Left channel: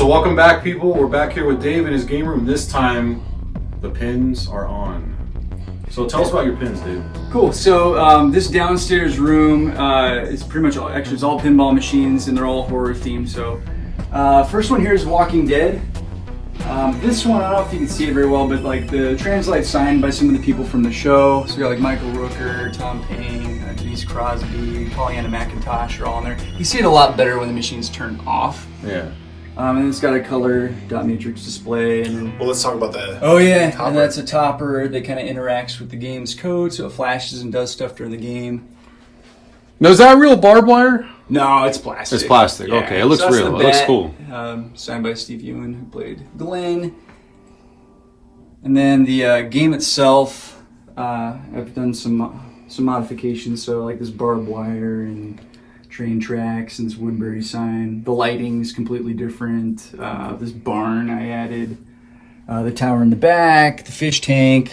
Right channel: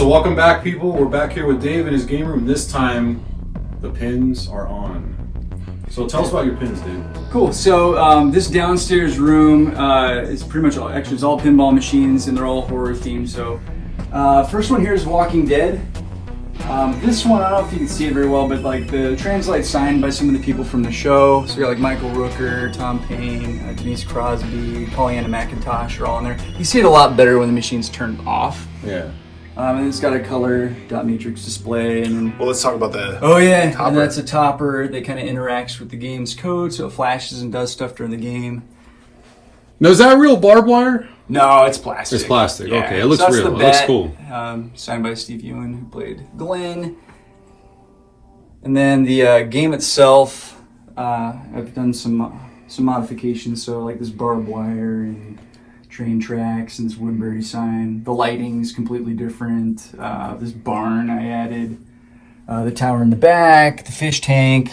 so welcome back, people. We're back here with Dave in his game room. This time, the pins are on. So tell us about your pins, Dave. Cool. So this downstairs room is pretty much it's all pinball machines, and they're all horror themed. So first one here is Walking Dead. This one, I don't know if you can see it very well, but like the translate signed by some of the people from the show. So you're like Michael Rooker, Tom Payne, Denise Crosby, Pollyanna McIntosh are all in there. You see it a lot better when the machine's turned off. Yeah. And it's got a color dot matrix display, and then, well, let's talk about that. Oh yeah, topper. And that's a topper that kind of interacts with the game's code, so it flashes and does stuff during the game. Now, is that real barbed wire? No, it's plastic. It's plastic. Yeah. Okay, it looks so real. It looks cool. Signed by Steve Ewan, who played Glenn. And then the game itself, I've done some modifications. So like this barbed wire and train tracks and this Woodbury sign. The lighting is completely different. This barn I added. The tower in the back, the fish tank.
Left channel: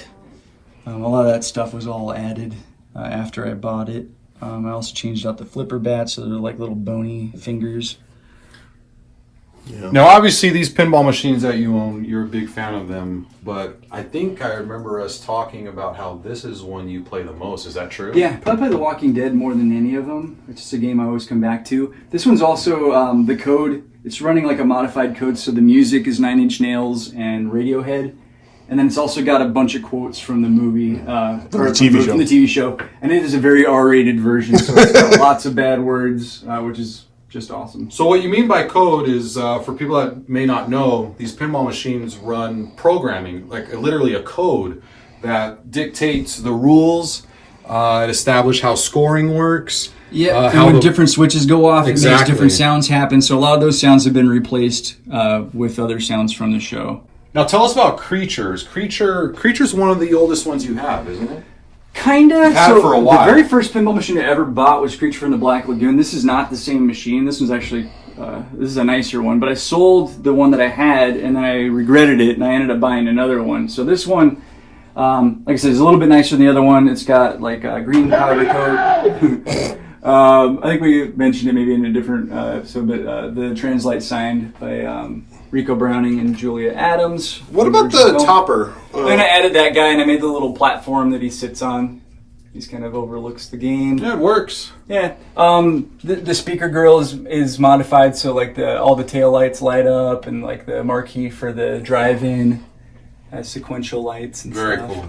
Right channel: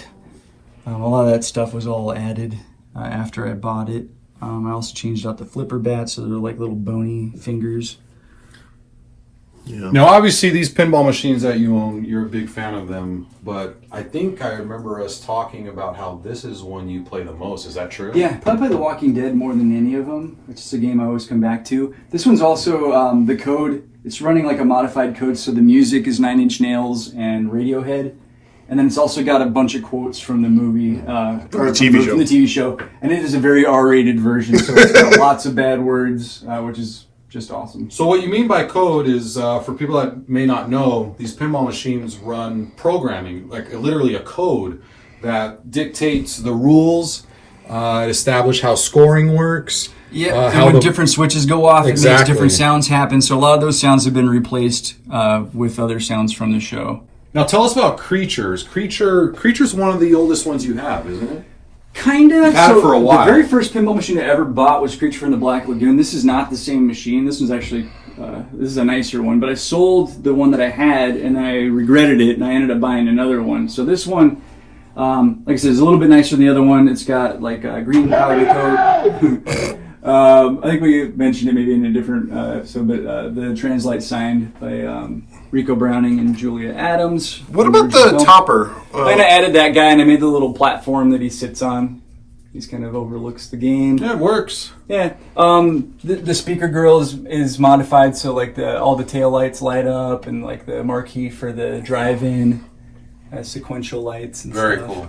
A lot of that stuff was all added after I bought it. I also changed out the flipper bats so they're like little bony fingers. Yeah. Now, obviously, these pinball machines that you own, you're a big fan of them, but I think I remember us talking about how this is one you play the most. Is that true? Yeah, probably play The Walking Dead more than any of them. It's just a game I always come back to. This one's also the code. It's running like a modified code, so the music is Nine Inch Nails and Radiohead. And then it's also got a bunch of quotes from the movie, from the TV show. And it is a very R-rated version, so it's got lots of bad words, which is just awesome. So what you mean by code is, for people that may not know, these pinball machines run programming, like literally a code that dictates the rules, establish how scoring works. Yeah, and when different switches go off, it makes different sounds happen. So a lot of those sounds have been replaced with other sounds from the show. Now tell us about Creatures. Creature's one of the oldest ones you have, isn't it? Kinda. So for a while. The very first pinball machine I ever bought was Creature from the Black Lagoon. This is not the same machine. This one's actually, this is a nicer one. But I sold the one that I had, and then I regretted it, and I ended up buying another one. So this one, like I said, is a little bit nicer than the other one. It's got like a green powder coat. I think we mentioned it maybe in a different episode, but the translate signed by Rico Browning and Julia Addams. What about the topper? And I added that guy, and I made the little platform that he sits on. He's kind of overlooks the game. Yeah, it works. Yeah. The speaker grill is modified, so like all the tail lights light up, and like the marquee for the drive-in has sequential lights and Very stuff. cool.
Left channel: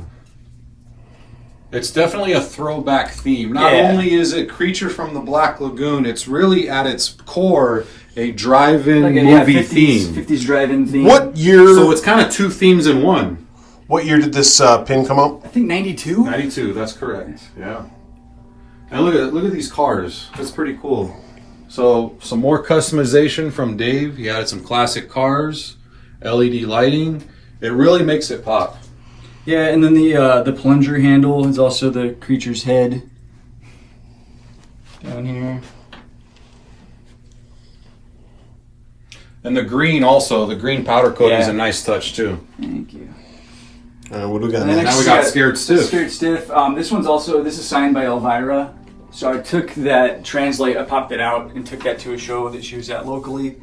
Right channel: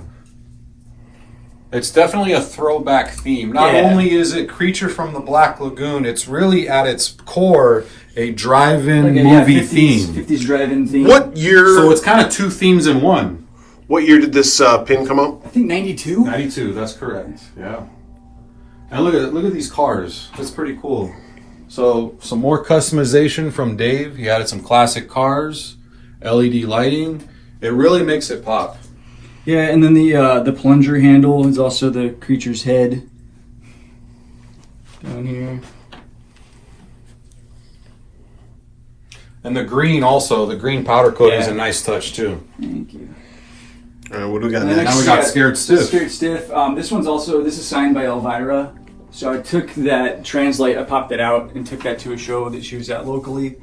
It's definitely a throwback theme. Not only is it Creature from the Black Lagoon, it's really at its core a drive-in movie 50s, theme. 50s drive-in theme. What year? So it's kind of two themes in one. What year did this pin come out? I think 92. 92, that's correct. Yeah. And look at these cars. That's pretty cool. So some more customization from Dave. He added some classic cars, LED lighting. It really makes it pop. Yeah, and then the plunger handle is also the creature's head down here. And the green also, the green powder coating is a nice touch too. Thank you. What do we got And then next? Now we got Scared Stiff. Scared Stiff. This is signed by Elvira. So I took that translate, I popped it out and took that to a show that she was at locally.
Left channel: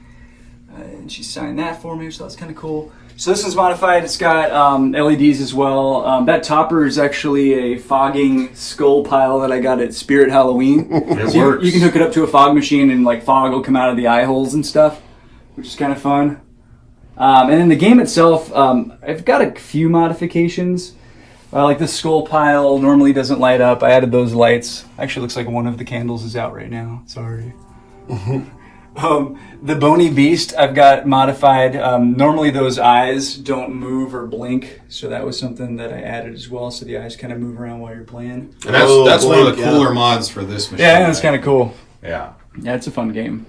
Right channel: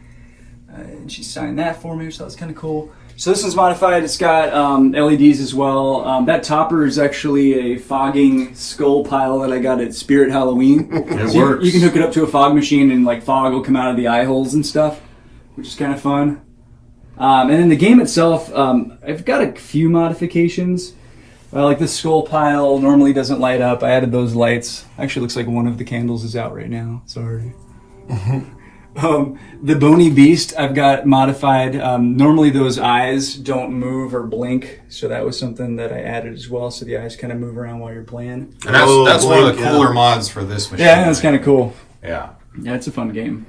And she signed that for me, so that's kind of cool. So this one's modified. It's got LEDs as well. That topper is actually a fogging skull pile that I got at Spirit Halloween. It works. You can hook it up to a fog machine and like fog will come out of the eye holes and stuff, which is kind of fun. And then the game itself, I've got a few modifications. Like this skull pile normally doesn't light up. I added those lights. Actually looks like one of the candles is out right now. Sorry. The Bony Beast I've got modified. Normally those eyes don't move or blink, so that was something that I added as well, so the eyes kind of move around while you're playing. And that's one of the cooler mods for this machine. Yeah, that's kind of cool. Yeah. Yeah, it's a fun game.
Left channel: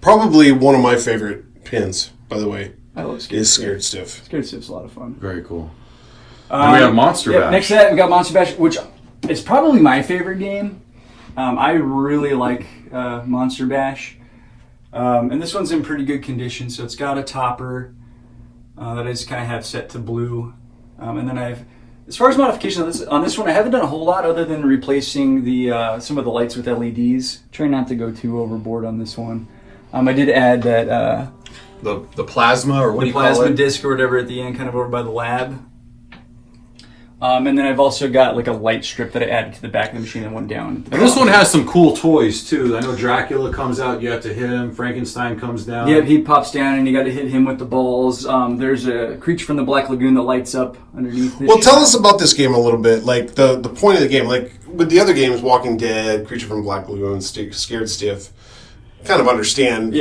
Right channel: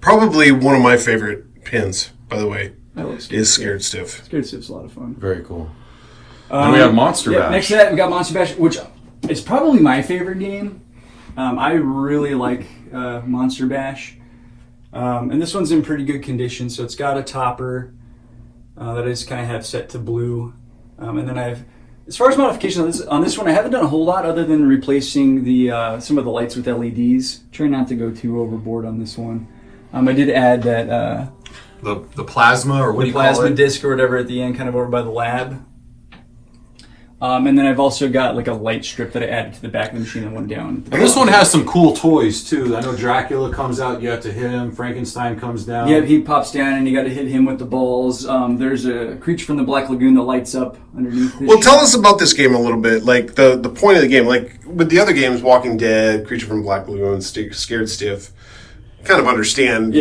Probably one of my favorite pins, by the way, I love is Scared Stiff. Scared Stiff's a lot of fun. Very cool. And we have Monster Bash. Next to that, we got Monster Bash, which is probably my favorite game. I really like Monster Bash. And this one's in pretty good condition, so it's got a topper that I just kind of have set to blue. And then as far as modifications on this one, I haven't done a whole lot other than replacing some of the lights with LEDs. Try not to go too overboard on this one. I did add that The plasma, or what do the you call plasma it? disc or whatever at the end, kind of over by the lab. And then I've also got like a light strip that I added to the back of the machine that went down. And this one has some cool toys too. I know Dracula comes out, you have to hit him. Frankenstein comes down. Yeah, he pops down and you got to hit him with the balls. There's a creature from the Black Lagoon that lights up underneath this. Well, tell us about this game a little bit. Like the point of the game, like with the other games, Walking Dead, Creature from Black Lagoon, Scared Stiff. Kind of understand,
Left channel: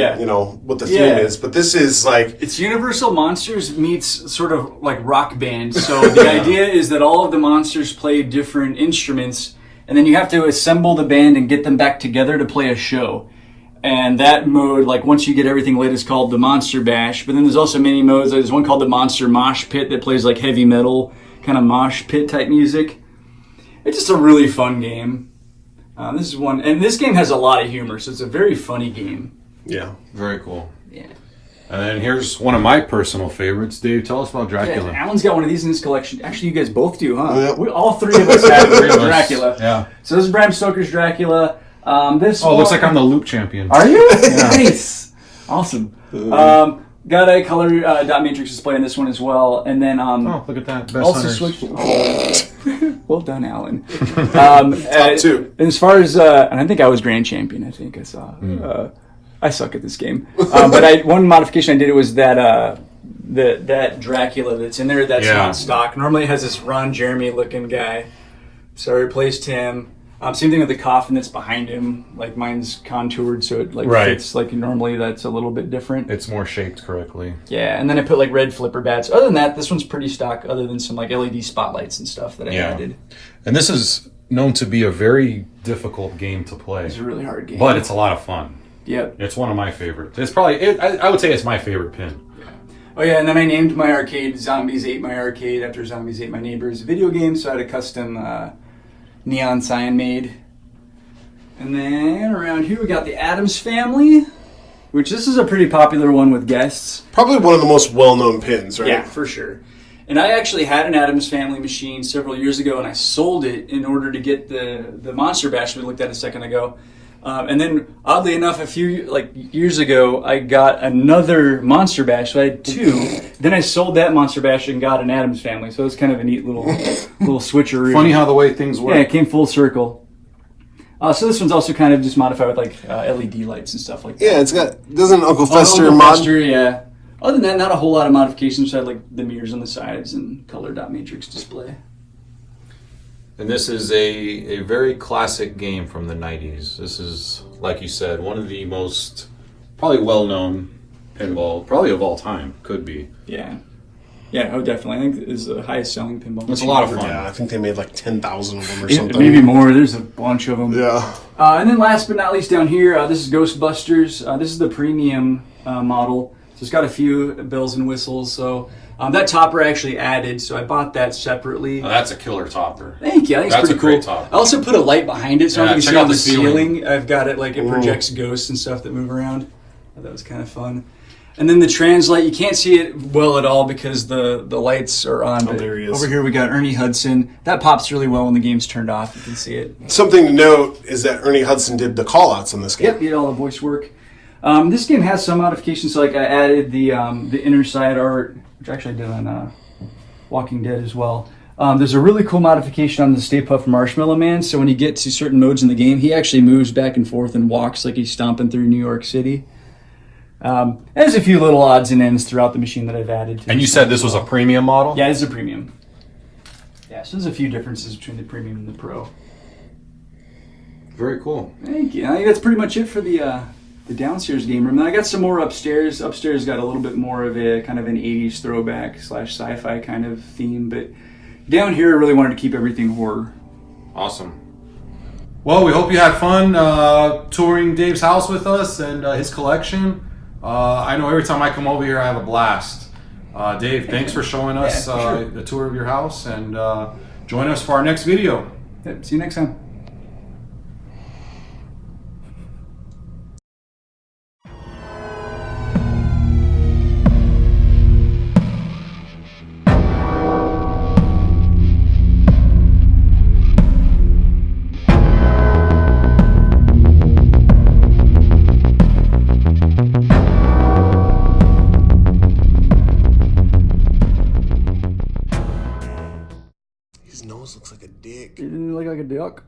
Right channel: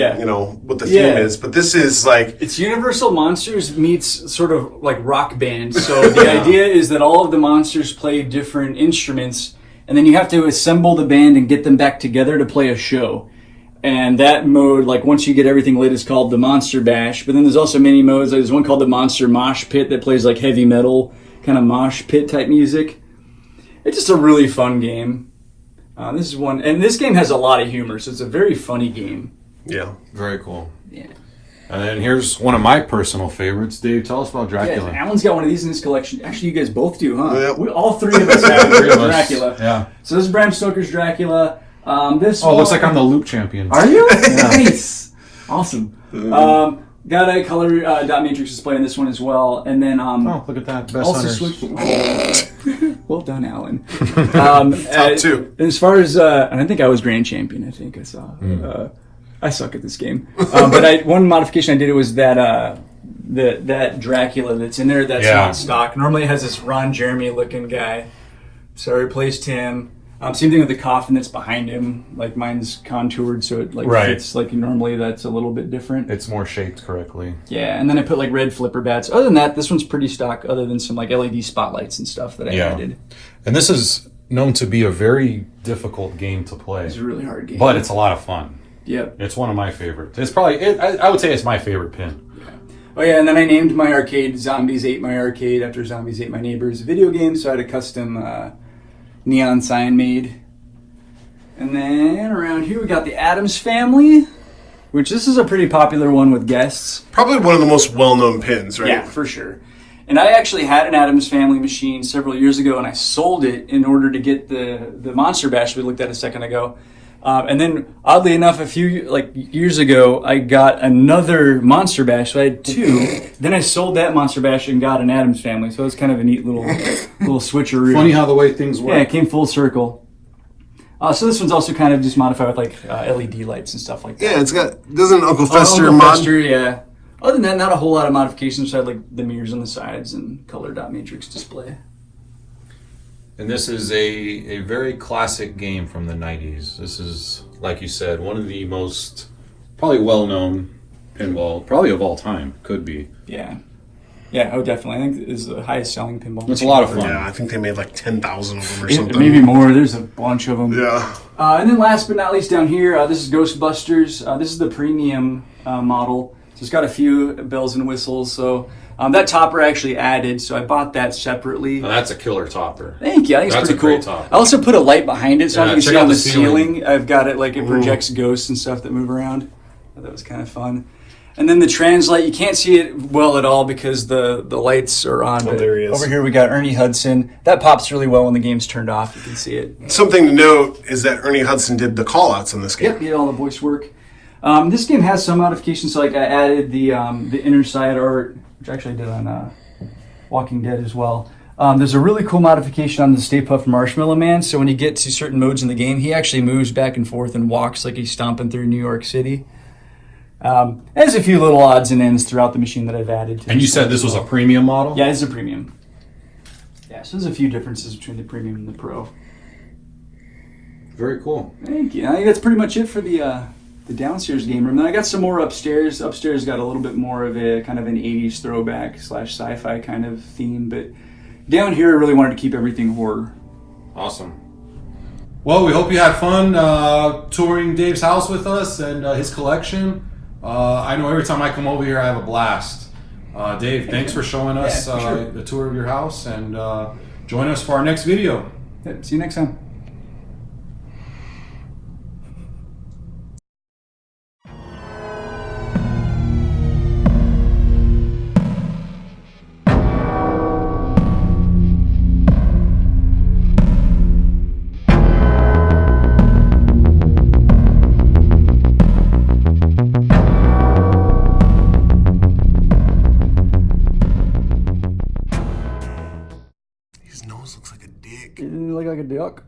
what the theme is, but this is like it's Universal Monsters meets sort of like rock band. So the idea is that all of the monsters play different instruments, and then you have to assemble the band and get them back together to play a show. And that mode, like once you get everything lit, is called the Monster Bash. But then there's also many modes. There's one called the Monster Mosh Pit that plays like heavy metal kind of mosh pit type music. It's just a really fun game. This is one, and this game has a lot of humor, so it's a very funny game. yeah. Very cool. Yeah. And then here's one of my personal favorites. Dave, tell us about Dracula. Yeah, Alan's got one of these in his collection. Actually, you guys both do, huh? Yep. All three of us have Dracula. Yeah. So this is Bram Stoker's Dracula. This Looks like I'm the Luke champion. Are you? Nice. Awesome. Got a color dot matrix display in this one as well, and then Look at that. Best also hunters. switched. Well done, Alan. Top two. As far as and I think I was grand champion. I think I saw. I suck at this game, but one modification I did was that that Dracula that's in there that's not stock. Normally it has this Ron Jeremy looking guy, so I replaced him. Same thing with the coffin that's behind him. Like mine's contoured, so it fits like normally. That's a little bit different. It's more shaped correctly. Yeah, and then I put like red flipper bats. Other than that, this one's pretty stock. Other than some like LED spotlights and stuff that I added. And this is known to be a very difficult game to play. It's a really hard game, but it's a lot of fun. Yep. It's one of my favorites. It's probably, I would say it's my favorite pin. Oh yeah, and then I named my arcade Zombies Ate My Arcade after Zombies Ate My Neighbors video game, so I had a custom neon sign made. And then around here we got the Addams Family, which this is a pretty popular one with guests. Probably one of the most well-known pins, right? Yeah, for sure. And I actually had an Addams Family machine several years ago, and I sold it in order to get the Monster Bash we looked at a second ago. And then, oddly enough, a few years ago, I got another Monster Bash. So I had two. Then I sold that Monster Bash and got an Addams Family. So it was kind of a neat little switcheroo. Funny how the way things work. Yeah, it came full circle. So this one's also kind of just modified with LED lights and stuff like that. Yeah, it's got. Doesn't Uncle Fester Uncle mod? Fester, yeah. Other than that, not a whole lot of modifications. So I had like the mirrors on the sides and color dot matrix display. And this is a very classic game from the 90s. This is, like you said, one of the most probably well-known pinball, probably of all time, could be. Yeah. Yeah, oh, definitely. I think it is the highest selling pinball. It's a lot of fun. Yeah, I think they made like 10,000 of them or Yeah, something. maybe more. There's a bunch of them. Yeah. And then last but not least down here, this is Ghostbusters. This is the premium model. So it's got a few bells and whistles. So that topper I actually added, so I bought that separately. Now, that's a killer topper. Thank you. I think That's it's pretty a great cool. topper. I also put a light behind it, so Yeah, I can check see out on the the ceiling. ceiling. I've got it like it projects ghosts and stuff that move around. That was kind of fun. And then the translate, you can't see it well at all because the lights are on. Oh, there he is. Over here we got Ernie Hudson. That pops really well when the game's turned off. You can see it. Something to note is that Ernie Hudson did the call-outs on this game. Yep, he did all the voice work. This game has some modifications, so like I added the inner side art, which actually I did on Walking Dead as well. There's a really cool modification on the Stay Puft Marshmallow Man, so when you get to certain modes in the game, he actually moves back and forth and walks like he's stomping through New York City. There's a few little odds and ends throughout the machine that I've added. And you said this was a premium model? Yeah, this is a premium. Yeah, so there's a few differences between the premium and the pro. Very cool. Thank you. I think that's pretty much it for the downstairs game room. Then I got some more upstairs. Upstairs got a little bit more of a kind of an 80s throwback / sci-fi kind of theme, but down here I really wanted to keep everything horror. Awesome. Well, we hope you had fun touring Dave's house with us and his collection. I know every time I come over here I have a blast. Dave, thanks for showing us for sure. the tour of your house, and join us for our next video. Yep, see you next time. nose looks like a dick. It didn't look like a duck.